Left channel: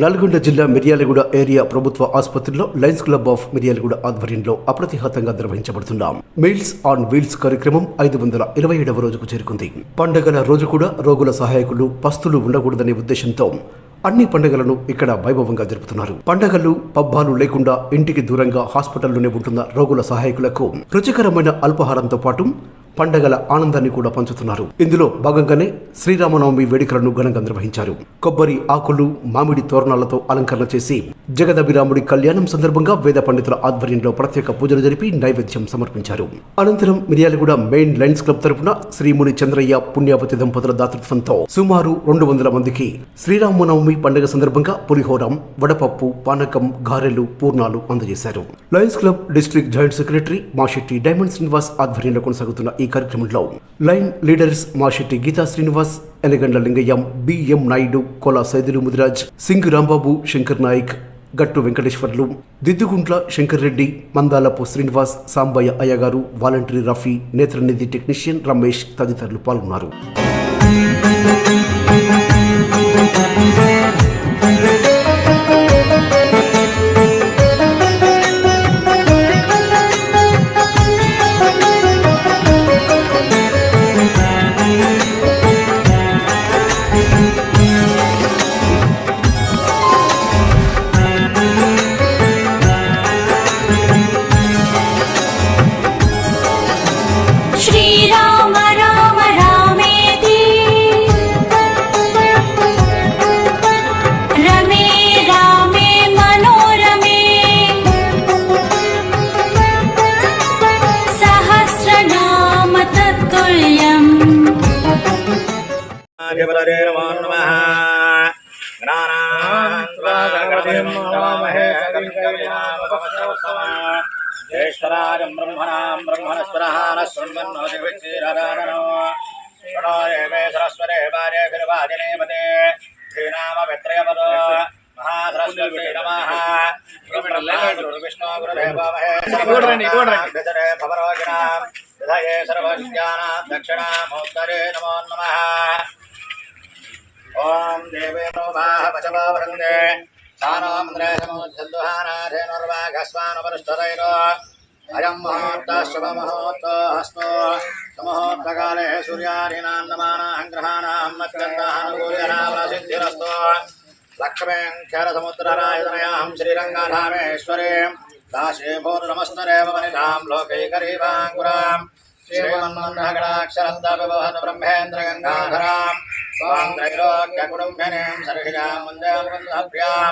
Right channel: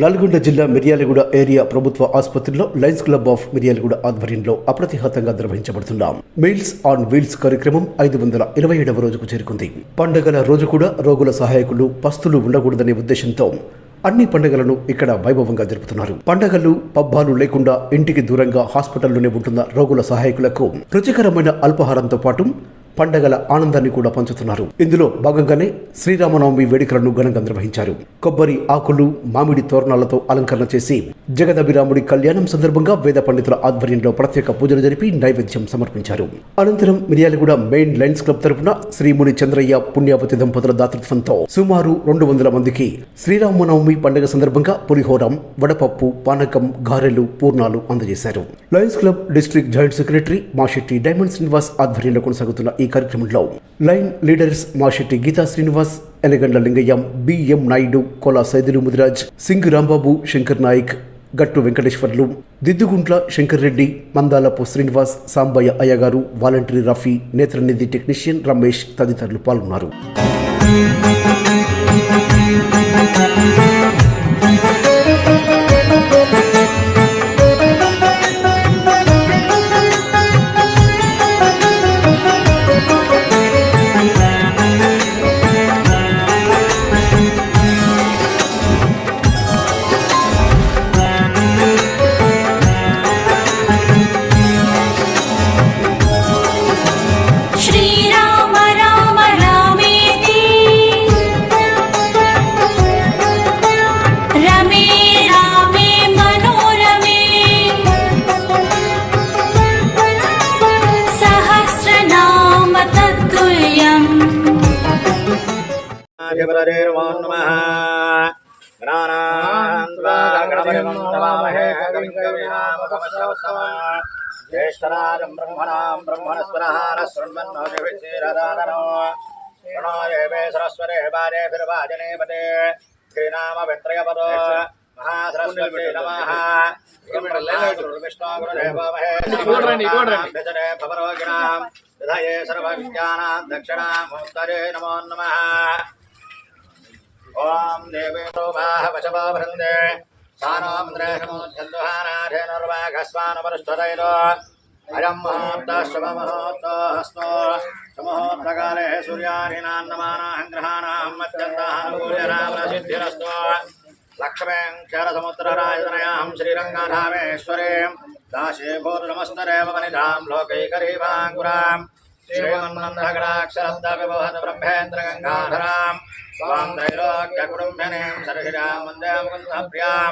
నల్గొండ జిల్లా మిర్యాలగూడ ఏరియా ప్రభుత్వ ఆసుపత్రిలో లయన్స్ క్లబ్ ఆఫ్ మిర్యాలగూడ ఆధ్వర్యంలో అప్రతిహతంగా నిర్వహించబడుతున్న మీల్స్ ఆన్ వీల్స్ కార్యక్రమం ఐదు వందల ఇరవై ఏడవ రోజుకు చేరుకుంది. పండగల రోజు కూడా రోగుల సహాయకులు పస్తులు ఉండకూడదనే ఉద్దేశంతో అన్ని పండుగలను ఇక్కడ వైభవంగా జరుపుతున్నారు. పండగలు పబ్బాలు లేకుండా ఇంటికి దూరంగా హాస్పిటల్లోనే ఉంటున్న రోగుల సహాయకులకు రుచికరమైన అల్పాహారంతో పాటు పండగల ఆనందాన్ని కూడా పంచుతున్నారు. ఇందులో భాగంగానే శ్రీరామనవమి వేడుకలను ఘనంగా నిర్వహించారు. కొబ్బరి ఆకులు మామిడి తోరణాలతో అలంకరణ చేసి జగదభిరాముడి కళ్యాణం సందర్భంగా వేద పండితుల ఆధ్వర్యంలో ప్రత్యేక పూజలు జరిపి నైవేద్యం సమర్పించారు. అనంతరం మిర్యాలగూడ మెయిన్ లైన్స్ క్లబ్ తరపున శ్రీముని చంద్రయ్య పుణ్యావతి దంపతుల దాతృత్వంతో సుమారు రెండు వందల మందికి శ్రీరామనవమి పండుగ సందర్భంగా పులిహోరం వడపప్పు పానకం గారెలు పూర్ణాలు అందజేశారు. Lions Club district joint secretary Mashetti Diamond Srinivas ఆధ్వర్యంలో కొనసాగుతున్న ఈ కార్యక్రమంలో lion leaders Mashetti Geetha Srinivas Elagandla Lingayyam BM Naidu Kola Saidulu Mudiraj Singh Rambabu Shankar Nayak Gattu Venkateswarlu Diddugunta Shankar Reddy Mandalapu Srinivas Sambaiah Ayyagaru volunteer Rafi Netranidhi technician Ramesh తదితరులు పాల్గొన్నారు. ज्येष्ठराजम् ब्रह्मणाम् ब्रह्मणस्वरः न शृण्वन्नोतिभिक्षीरदाननो प्रणो देवे सरस्वते वाजे खिरुवाजिनेपते श्रीनामवित्रयपदो महासरस्वती नमः विष्णो गुरुदेवमहे भजरे भवरोगिणाम् हृदये सर्वविद्यानाम् दक्षिणामोत्तरे नमो नमः ॐ देवे प्रोभाः पशवो वृन्दे सानोन्द्रे समुद्धन्दुहानाथेनुर्वाघस्वानुपरुष्ठतैरो अयं मुहूर्तः शुभमुहूर्तो हस्तो सुमुहूर्तकाले सूर्यादीनान्नमानां ग्रहाणां मत्यन्तानुकूल्यनामसिद्धिरस्तु लक्ष्मीं क्षरसमुद्ररायतनयां श्रीरङ्गधामेश्वरीं दाशीभूतनमस्तरेव वनिधां लोकैकरीवाङ्कुराम् श्रीमन्मन्दगडाक्षरब्दविभवत ब्रह्मेन्द्रगङ्गाधराम् त्वां त्रैलोक्यकुटुम्बिनीं सरसिजां वन्दे मुकुन्दप्रियां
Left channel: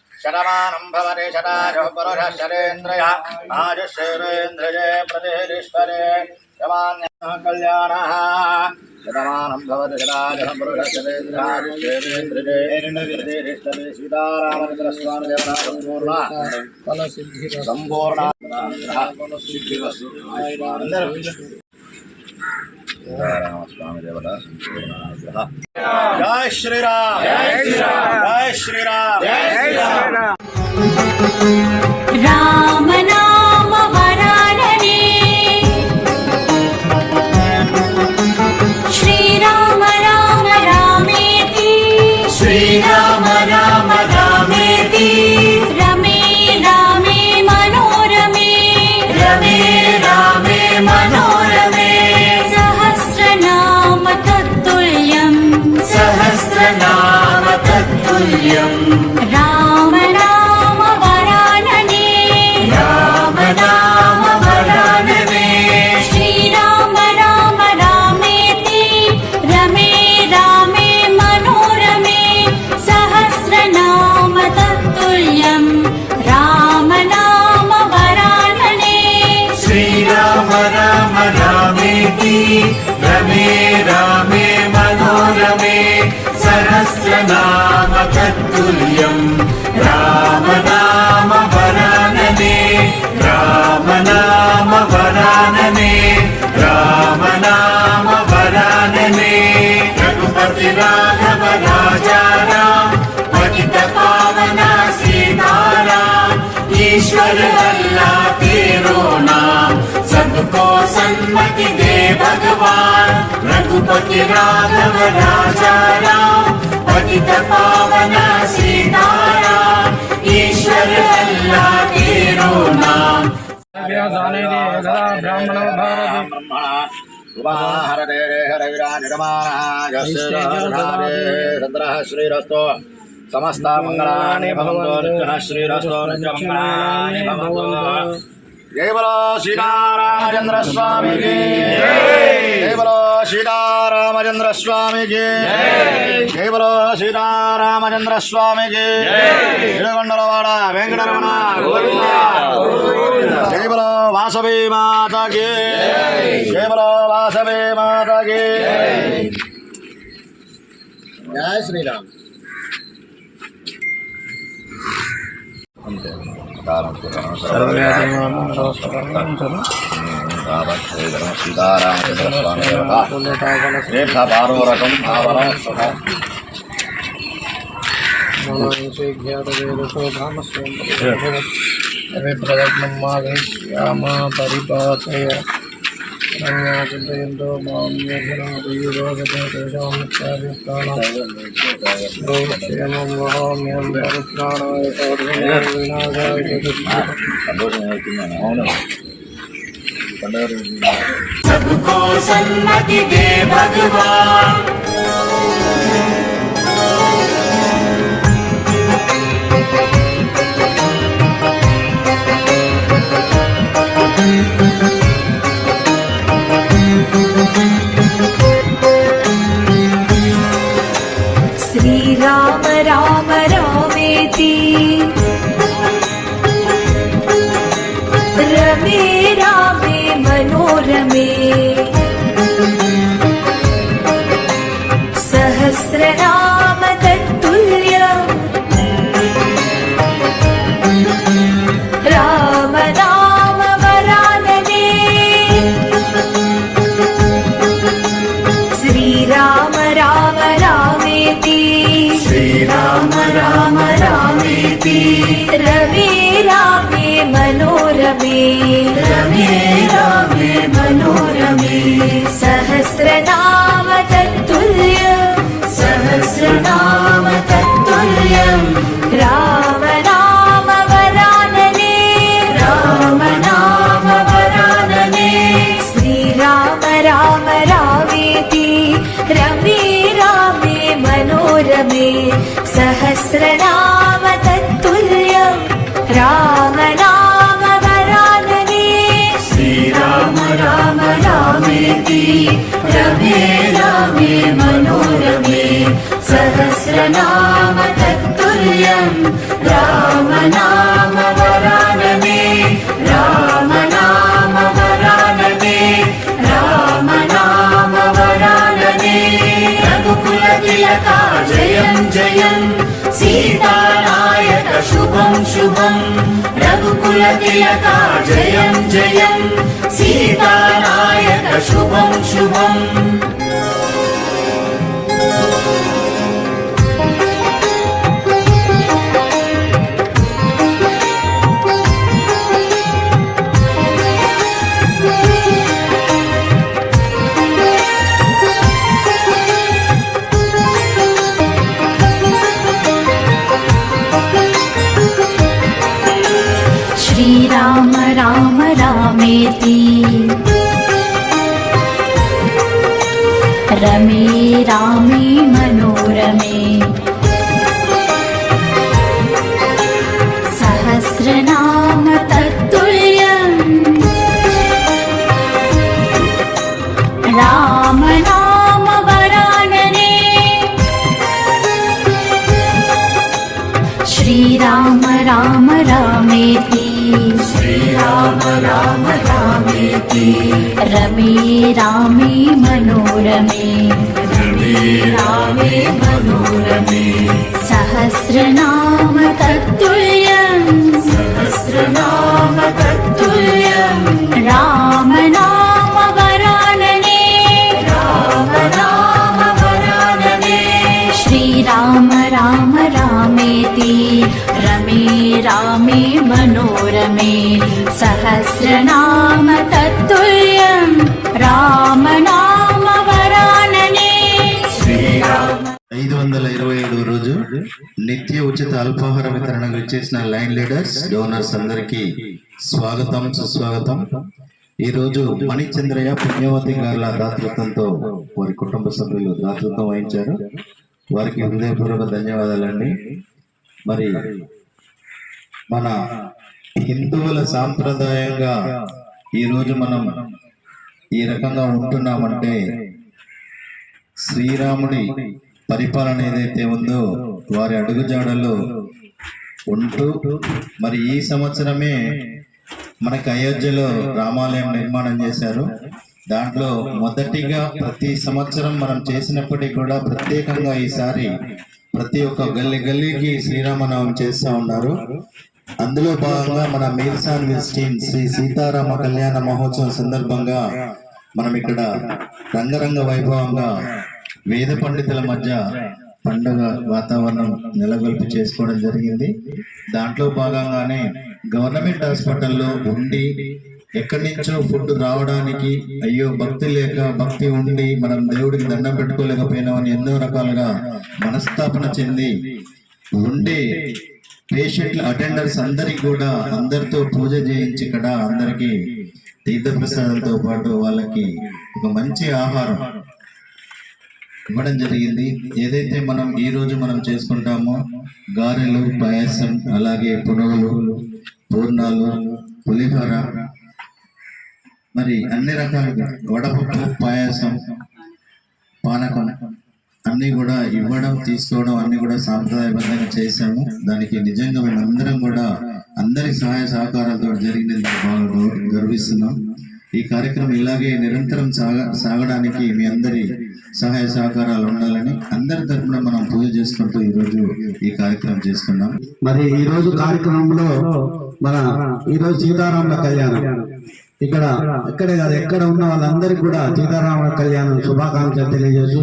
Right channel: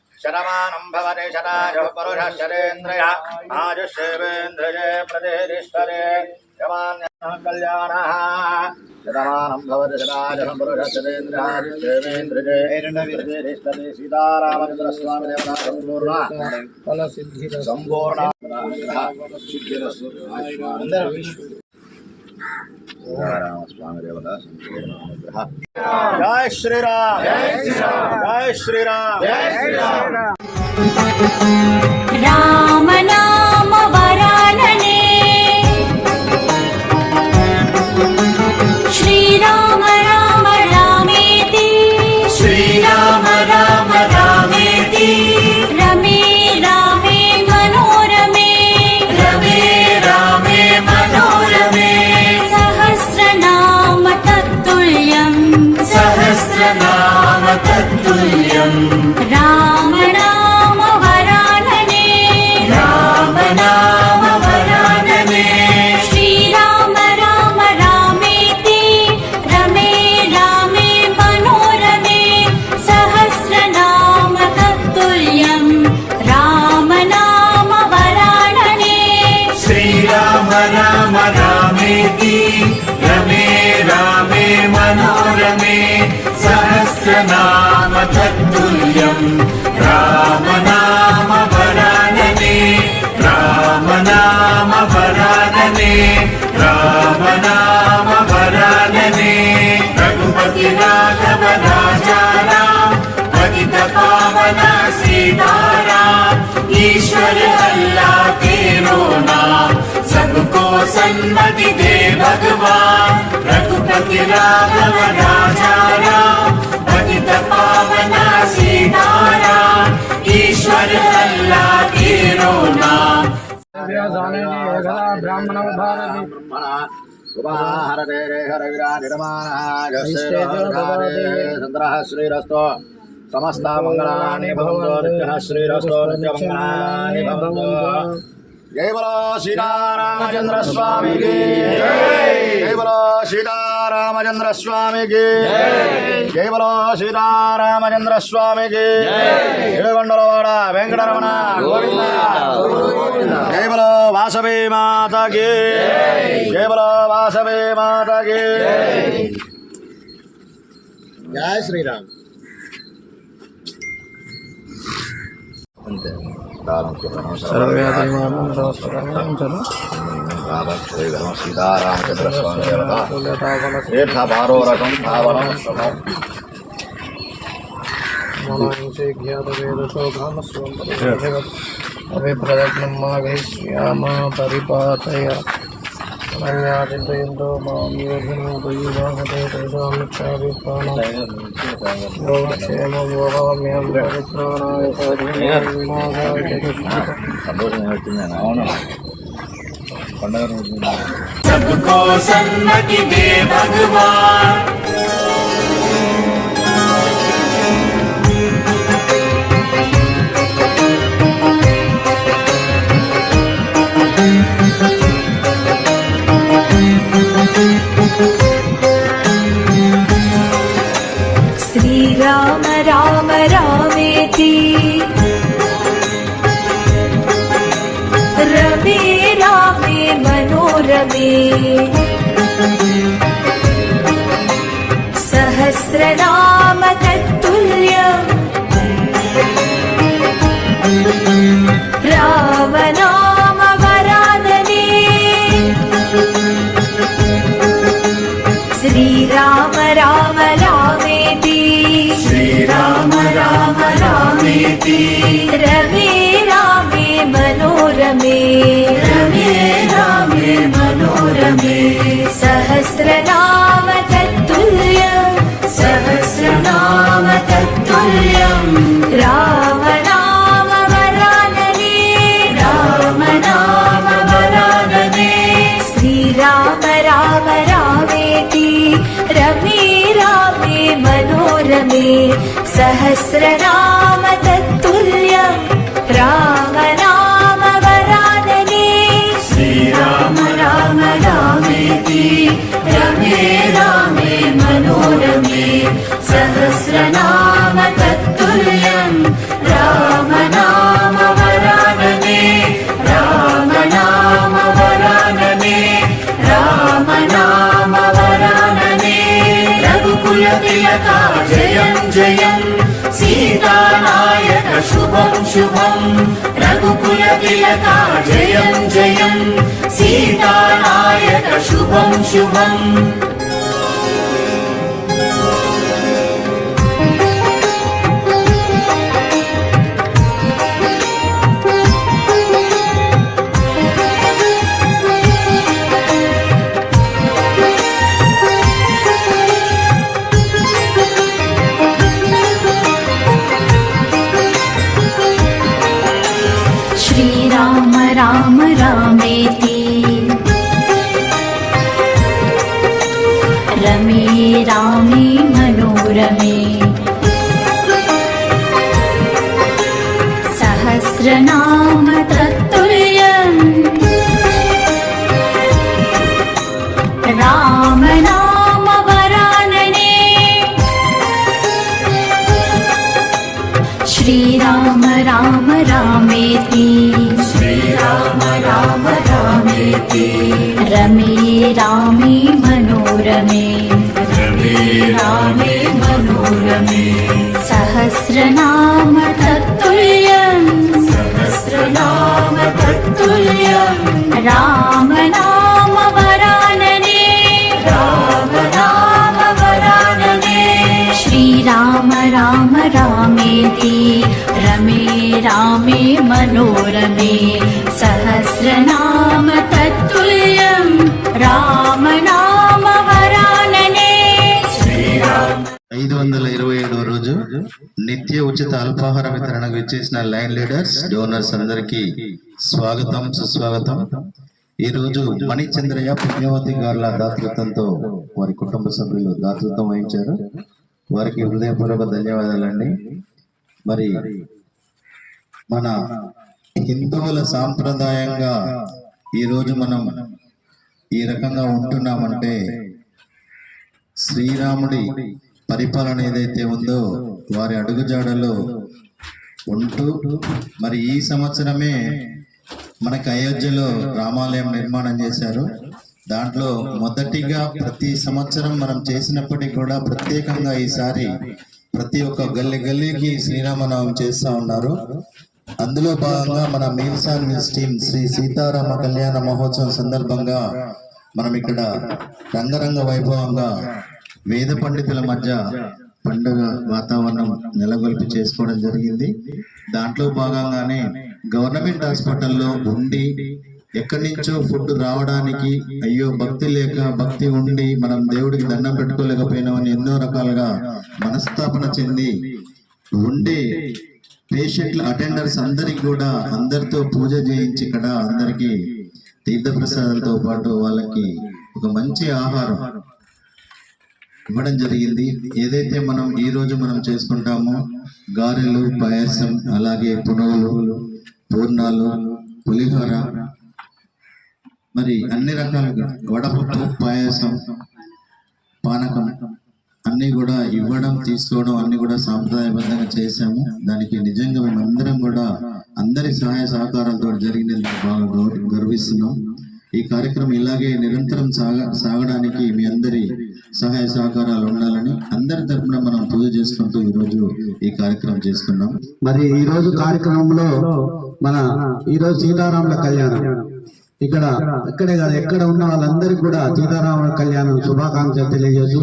శరమానం భవతి శరాజపరుషరేంద్రయ ఆజుషేవేంద్రియే ప్రతిష్టరే కళ్యాణ శతమానం భవతి శరాజసంపురుషేంద్రాజేవేంద్రియే సీతారామచంద్రస్వామి దేవత సంపూర్ణ ఫలసిద్ధిర సంపూర్ణ సిద్ధిరస్సు అందరూ స్వామి దేవత జయ శ్రీరామ్. జయ శ్రీరామ్. జయ శ్రీరామ్ రామనా అనేది యదా బ్రాహ్మణోద్ధారతి ఉపాహరతే హరవిరా నిరమానాగస్త్రారే చంద్రః శ్రీరస్తో సమస్త మంగళాని భవంతో నిత్యః శ్రీరస్తో నిత్య మంగళాని భవంతో. కేవలో సీతారామచంద్ర స్వామికి కేవలో సీతారామచంద్ర స్వామికి కేవలో వెంకటరమణ. గోవింద. వాసవి మాతకి. జై. బలో వాసవి మాతకి. జై శ్రీరామ్. అంతే సీతారామచంద్ర స్వామి తీర్థ పారోరకం భావనం అభిప్రదగ్నం మాఘశ్యామా పరిపాతయ అనన్యా చింతయంతో మాం యోగినోపయుధోగతే తేషాం నిత్యాభిప్రాణం వహామ్యం పరిత్రాణాయ సాధూనాం వినాశాయ పండుగ me. सहस्रनाम तत्तुल्यम् राम नाम वरानने राम नाम वरानने राम नाम वरानने रघुकुल तिलका जयं जयं सीतानायक शुभं शुभं रघुकुल तिलका जयं जयं सीतानायक शुभं शुभम् राम रामेति रमे रामे मनोरमे सहस्रनाम तत्तुल्यं। राम नाम वरानने। ఐదు వందల ఇరవై ఏడు రోజు నిత్య ఉచిత అల్పాహార వితరణకు ఇచ్చేసిన లైన్ లీడర్స్ డోనర్స్ అందరికి స్వాగతం సుస్వాగతం. ఈ రోజు మణిచంద్రయ్య పుణ్యవతి గారుల దాతృత్వంతో వారి కుటుంబ సభ్యులు దాతృత్వం వహించారు. వారికి హృదయపూర్వక ధన్యవాదాలండి. మరి మన హిందువుల సాంప్రదాయంగా ఈరోజు మనం ఈ రకంగా ఉంటున్నామంటే శ్రీరాముడి పరిపాలన ఏదైతే ఉందో వారి అడుగుజాడలో ఉంటూ మరి ఈ సంవత్సరమే మనకి అయోధ్యలో రామాలయం నిర్మాణం చేశారు. దాంట్లో మొదటిగా ప్రతి సంవత్సరం మనం చేసినప్పటికీ కూడా ప్రత్యేకంగా ఈసారి ప్రతి ఒక్క గల్లి గల్లీకి శ్రీరామనవం చేస్తా ఉన్నారు. అందులో భాగంగా మన meals on wheels team Sri Sitarama కళ్యాణ మహోత్సవం సందర్భంగా మనం ఇక్కడ రంగరంగ వైభవంగా వేద పండితుల మధ్య పండుగ వాతావరణం నెలకొల్పి చేసుకోవడం జరిగింది. దాంట్లో భాగంగానే గవర్నమెంట్ హాస్పిటల్లో ఉండి ఎక్కడి నుంచో ఫుడ్ రావడానికి అయ్యో భక్తి లేక భక్తి ఉండి మనం దేవుడికి దండం పెట్టుకోలేకపోయినామని ఎన్నో రకాలుగా మనస్తాపన చెంది ఉండే పేషెంట్ల అటెండర్స్ అందరికి కూడా అందరితో పూజ చేయించి ఇక్కడ అందరికి తీర్థప్రసాదాలతో పాటు వాళ్ళకి ఒక మంచి ఆహారం ఇవ్వడం జరిగింది. ఏదైతే మనం ఈ రోజు మనం చేసుకుంటామో గారెలు పాయసం అలాగే పునుగులు పూర్ణాలు పులిహోర మరి అన్ని రకాలుగా వడపప్పు పాయసం పానకం అన్ని కూడా ఇవ్వడం తీసుకోవడం అన్ని కూడా సాంప్రదాయబద్ధంగా చేశాము. దానికి నిజంగా మేమందరం కూడా అందరి సహాయ సహకారాలతో జరిగినందుకు బాగా గర్విస్తున్నాం. ఈ కార్యక్రమం ఇలాగే నిరంతరం సాగ సాగడానికి మీ అందరి సహాయ సహకారాలు ఉండాలని అందరి తరఫున మనం పూజ చేసుకుంటూ ఈరోజు ఈ కార్యక్రమం చేసుకున్నాం మరి ఈ రోజు కార్యక్రమంలో మన ఈ రోజు సీతారాముల కళ్యాణం. ఇక్కడ ఇక్కడే కాదు ఎక్కడ ఉన్న వాళ్ళందరికీ కూడా సీతారామ కళ్యాణం శుభాకాంక్షలు తెలియజేస్తూ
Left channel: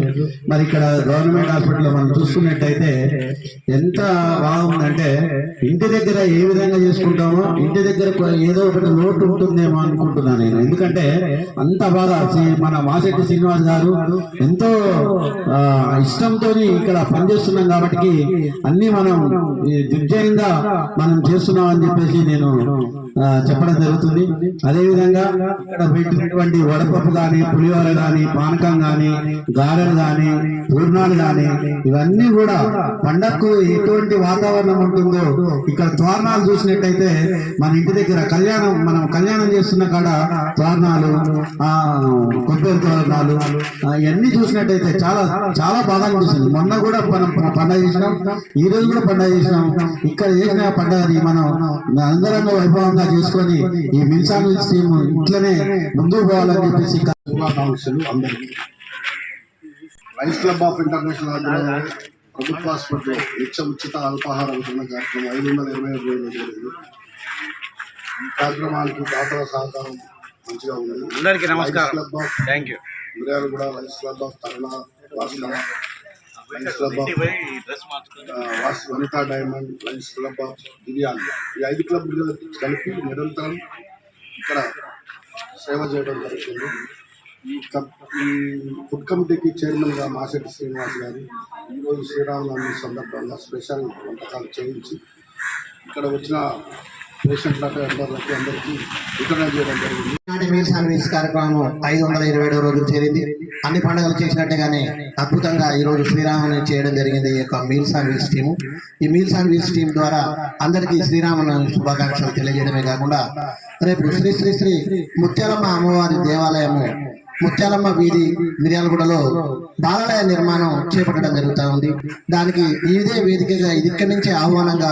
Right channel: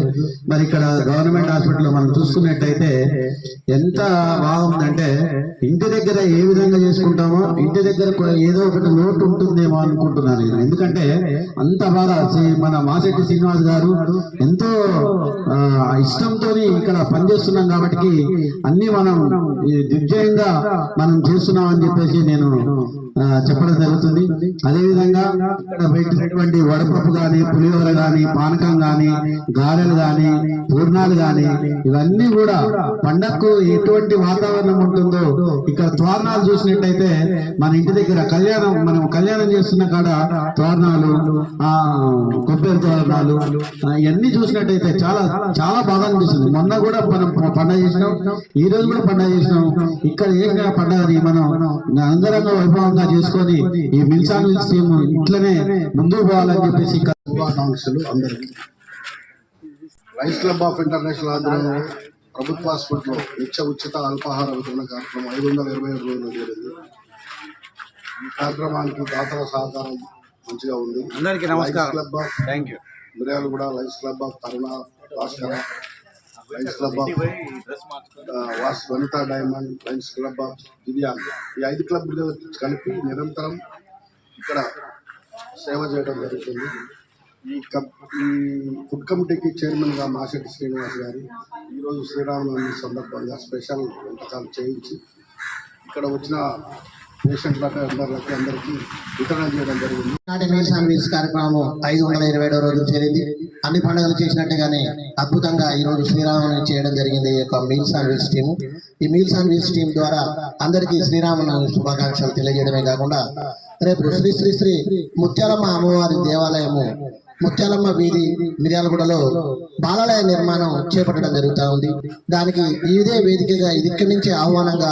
మరి ఇక్కడ గవర్నమెంట్ హాస్పిటల్ మనం చూసుకున్నట్టయితే ఎంత బాగుందంటే ఇంటి దగ్గర ఏ విధంగా చేసుకుంటామో ఇంటి దగ్గర కూడా ఏదో ఒకటి లోటు ఉంటుందేమో అనుకుంటున్నాను నేను. ఎందుకంటే అంత బాగా మన మాసెట్టి శ్రీనివాస్ గారు ఎంతో ఇష్టంతో ఇక్కడ పనిచేస్తున్నాం కాబట్టి అన్ని మనం దిగ్జయంగా మనం చేస్తున్నాం అని చెప్పేసి నేను చెప్పడం జరుగుతుంది. అదేవిధంగా ఇక్కడ పెట్టినటువంటి వడపప్పు కానీ పులిహోర కానీ పానకం కానీ గారెలు కానీ పూర్ణాలు కానీ ఇవన్నీ కూడా పండగకు ఎటువంటి వాతావరణం ఉంటుందో ఇక్కడ తోరణాలు చూసినట్టయితే మన ఇంటి దగ్గర కళ్యాణం మనం కళ్యాణం చేస్తున్న కాడ తోరణాలు ఆ కొబ్బరి తోరణాలు ఇవన్నీ చూసినట్టయితే చాలా చాలా బాగా అనిపిస్తుంది. మొన్న కూడా మనం పండగ చేసినాం ఈ రోజు కూడా పండగ చేసినాం. ఇక్కడ చేసిన పండగని మనం అందరంగా వైభవంగా చేసుకొని ఈ మిల్సాన్ స్కీమ్ ఇట్లనే ముందుకు పోవాలని చెప్పేసి శుభాకాంక్షలు అందరికీ. లయన్స్ క్లబ్ ఆఫ్ ఇంటర్నేషనల్ ఆధ్వర్యంలో ప్రభుత్వ హాస్పిటల్లో నిత్య ఉచిత అల్పాహార వితరణ కార్యక్రమం ఐదు వందల ఇరవై ఏడు రోజులు జరిగింది. ఈ కార్యక్రమానికి దాతల సహకారం మంచిగా ఉంది. అందరికీ నమస్కారం. Club of thank you. మిర్యాలు కూడా Lions Club of Taruna Bhaskara Lions Club was Vanitha diamond Lions Club of Divyang ఈ ఐదు క్లబ్లు కలిపి నిరంతరం ఇక్కడ సేవ చేయడం జరుగుతుంది. ఈ కప్ ఈ ఫుడ్ కమిటీకి చైర్మన్గా మాసెట్టి శ్రీనివాస్ గారు ఈరోజు శ్రీరామనవమి సందర్భంగా స్పెషల్ వంటకాలు చేయించి ఇక్కడ వచ్చిన పేషెంట్లకు అందరికి అందరికీ వితరణ చేయడం జరిగింది. నాటి మీల్స్ అండ్ కార్యక్రమం ఐదు వందల ఇరవై ఏడవ రోజు చేరింది అన్ని పండుగలు చేసినట్టుగానే అద్భుతంగా ఈ రోజు చేయడం జరిగింది ఈ యొక్క మీల్స్ అండ్ వీల్స్ టీము. ఈ మీల్స్ అండ్ వీల్స్ టీం ద్వారా అందరికీ శ్రీరామనవమి శుభాకాంక్షలు తెలియజేయడమే కాకుండా రేపు శ్రీ శ్రీ శ్రీ ముత్యాలమ్మ అమ్మవారి దేవాలయము ముత్యాలమ్మ వీధి మిర్యాలగూడలో బాలాలయ నిర్మాణం చేపట్టడం జరుగుతూ ఉంది. దానికి ఇదే వేదికగా ఇది ఇక్కడి నుంచి ఆహ్వానంగా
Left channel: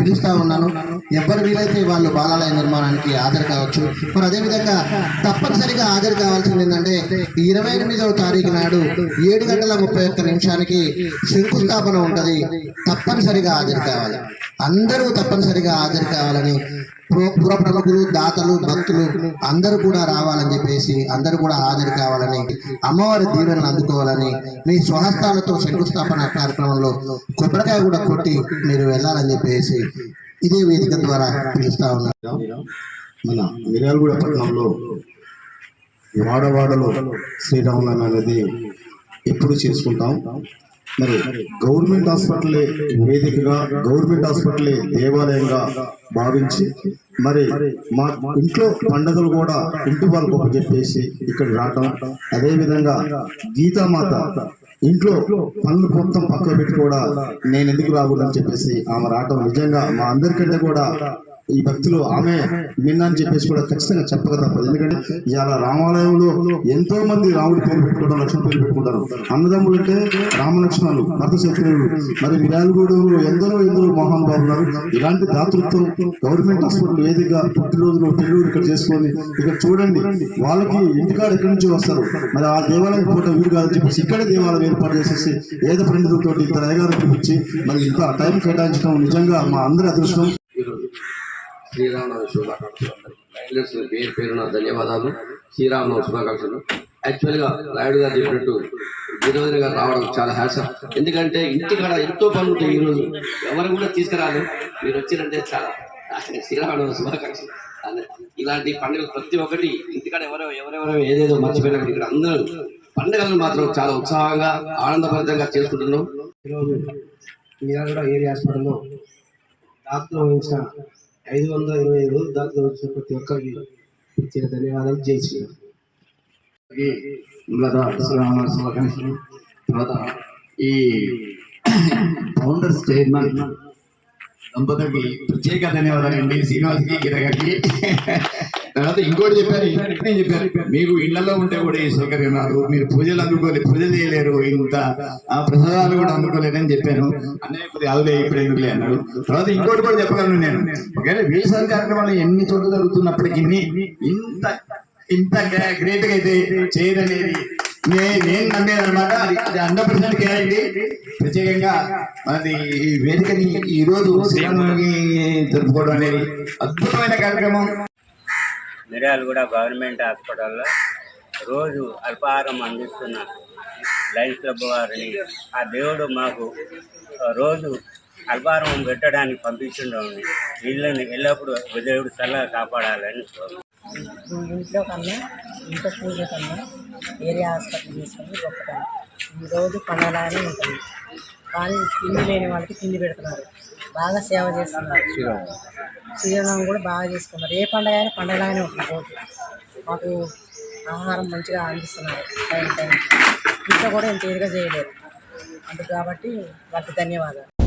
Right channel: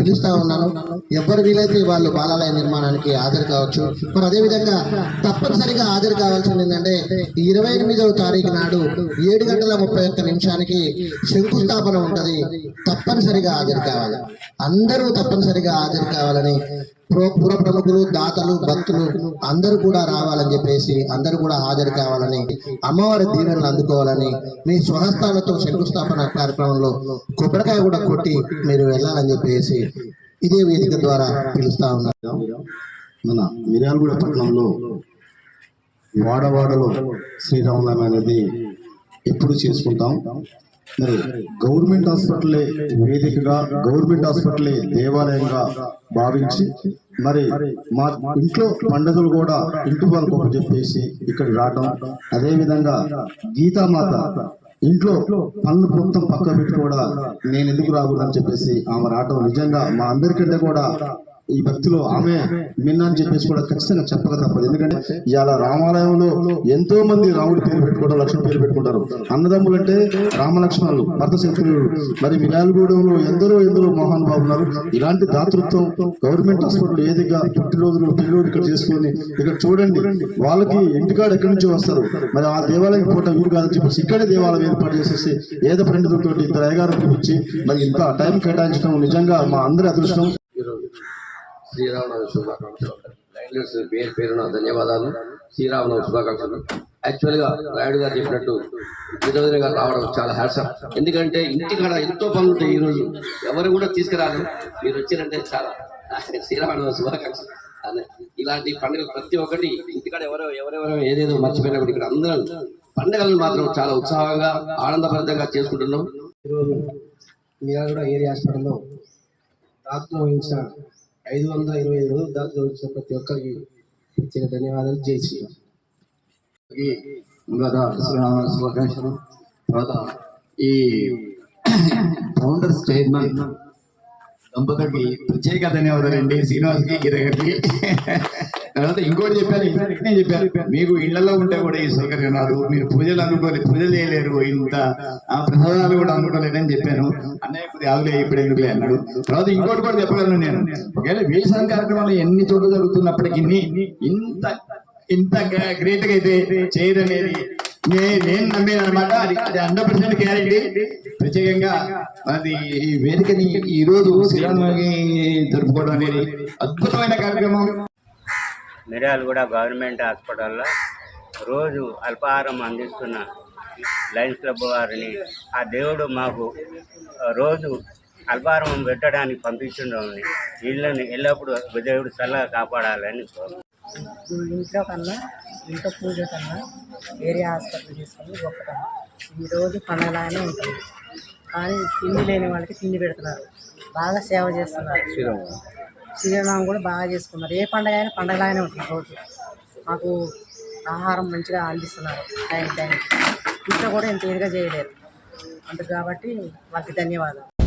పిలుస్తూ ఉన్నాను. ఎవరు వీలైతే వాళ్ళు బాలాలయ నిర్మాణానికి హాజరు కావచ్చు. మరి అదేవిధంగా తప్పనిసరిగా హాజరు కావాల్సింది ఏంటంటే ఇరవై ఎనిమిదవ తారీఖు నాడు ఏడు గంటల ముప్పై ఒక్క నిమిషానికి శంకుస్థాపన ఉంటుంది. తప్పనిసరిగా హాజరు కావాలి. అందరూ తప్పనిసరిగా హాజరు కావాలని పుర- ప్రముఖులు దాతలు భక్తులు అందరూ కూడా రావాలని చెప్పేసి అందరూ కూడా హాజరు కావాలని అమ్మవారి దీవెనలు అందుకోవాలని మీ స్వహస్తాలతో శంకుస్థాపన కార్యక్రమంలో కొబ్బరికాయ కూడా కొట్టి మీరు వెళ్ళాలని చెప్పేసి ఇదే వేదిక ద్వారా పిలుస్తా ఉన్నారు మన మిర్యాలగూడ పట్టణంలో వాడవాడలో శ్రీరామనవమి అనేది ఎప్పుడు చేసుకుంటాం? మరి గవర్నమెంట్ హాస్పిటలే వేదికగా గవర్నమెంట్ హాస్పిటలే దేవాలయంగా భావించి మరి మా ఇంట్లో పండుగలు కూడా ఇంటి వాళ్ళకు ఒక చెప్పేసి ఇక్కడ రావటం అదేవిధంగా గీతామాత ఇంట్లో పనులు మొత్తం పక్క పెట్టి కూడా నేను ఎందుకు రాకూడదని చెప్పేసి ఆమె రావటం నిజంగా మా అందరికంటే కూడా ఈ భక్తిలో ఆమె మిన్న అని చెప్పేసి కూడా ఖచ్చితంగా చెప్పక తప్పదు. ఎందుకంటే ఇవాళ రామాలయంలో ఎంతో మంది రాముడి పేరు పెట్టుకుంటారు లక్ష్మణ పేరు పెట్టుకుంటారు. అన్నదమ్ములు అంటే రామలక్ష్మణులు భర్త శత్రువులు మరి మిరాలగూడెంలో ఎందరో ఎందరో మహానుభావులు ఉన్నారు. ఇలాంటి దాతృత్వం గవర్నమెంట్ హాస్పిటల్ ఏదిగా పుట్టినరోజు పెళ్ళిరోజు ఇక్కడ చేసుకొని ఇక్కడ చూడండి వాళ్ళకి ఇంటికాడ ఎక్కడి నుంచో వస్తారు. మరి ఆ దేవాలయం పూట వీరు కాదని చెప్పేసి ఇక్కడే దేవాలయం ఏర్పాటు చేసేసి ఏదో పండితులతో ఇద్దరు అయ్యగారు పిలిపించి మరి ఇంత టైం కేటాయించడం నిజంగా మా అందరి అదృష్టం. శ్రీరామనవమి శుభాకాంక్షలు అందరికీ. పేరు పేరున ధన్యవాదాలు. శ్రీరామనవమి శుభాకాంక్షలు. యాక్చువల్గా రాయుడు గారు చెప్పినట్టు గిరిజన గారు రావడం చాలా హ్యాట్స్ ఎందుకంటే ఇంటికాడ ఎంతో పనులు ఉంటాయి ఈరోజు ఎవరు కూడా తీసుకురాలి మీరు వచ్చారంటే చాలా. శ్రీరామనవమి శుభాకాంక్షలు. అదే ఇలాంటి పండుగలు ప్రతి ఒక్కటి ఇంటికాడ ఎవరో ఎవరెవరో ఏదేదో మర్చిపోయినప్పుడు ఇక్కడ అందరూ పండుగలను మాత్రం చాలా ఉత్సాహంగా ఆనందభరితంగా చేసుకుంటున్నాం. ఈరోజు మీరాగూడ ఏరియా హాస్పిటల్లో దాతలు వహించిన ఐదు వందల ఇరవై ఐదు రోజులు దాకా వచ్చిన ప్రతి ఒక్కరికి ఇచ్చిన ధన్యవాదాలు. జై శ్రీరామ్. శుభాకాంక్షలు. తర్వాత ఈ ఫౌండర్స్ చైర్మన్ దంపతులకి ప్రత్యేక ధన్యవాదాలు అండి శ్రీనివాస్కి గిరగకి తర్వాత ఇంకోటి చెప్పారు ఇంకొకటి చెప్పారు మీకు ఇళ్ళలో ఉంటే కూడా ఈ సౌకర్యం రాదు మీరు పూజలు అందుకోలేదు పూజలు చేయలేరు. ఇంత ఆ ప్రసాదాలు కూడా అందుకోలేదని చెప్పాను. అన్నయ్య కొద్దిగా ఆవులే ఇప్పుడు ఎందుకులే అన్నాడు. తర్వాత ఇంకోటి కూడా చెప్పగలను నేను. ఒకవేళ వీలసారి కార్యక్రమాలు ఎన్ని చోట్ల జరుగుతున్నప్పటికీ ఇంత ఇంత గ్రేట్గా అయితే చేయరు అనేది నేను నమ్మేది అనమాట అది హండ్రెడ్ పర్సెంట్ గ్యారెంటీ. ప్రత్యేకంగా అది ఈ వేదికని ఈ రోజు శ్రీరామనవమి జరుపుకోవడం అనేది అద్భుతమైన కార్యక్రమం. మిర్యాలగూడ గవర్నమెంట్ హాస్పిటల్లో రోజు అల్పాహారం అందిస్తున్న లయన్స్ క్లబ్ వారిని ఆ దేవుడు మాకు రోజు అల్పాహారం పెట్టడానికి పంపించుండని వీళ్ళని ఎల్లప్పుడూ దేవుడు చల్లగా కాపాడాలని కోరు- ఇంట్లో కన్నా ఇంట్లో పూజ కన్నా ఏరియా హాస్పిటల్ తీసుకొని గొప్పతనం. ఈరోజు పండగలాగానే ఉంటుంది కానీ తిండి లేని వాళ్ళకి తిండి పెడుతున్నారు. బాగా సేవ చేస్తున్నారు. శ్రీరామం కూడా బాగా చేసుకున్నారు. ఏ పండగ అయినా పండగలాగానే ఉంటుంది రోజు. మాకు ఆహారం మంచిగా అందిస్తున్నారు టైం టైం ఇంట్లో కూడా ఇంత ఇదిగా చేయలేరు అందుకు కాబట్టి వాళ్ళకి ధన్యవాదాలు.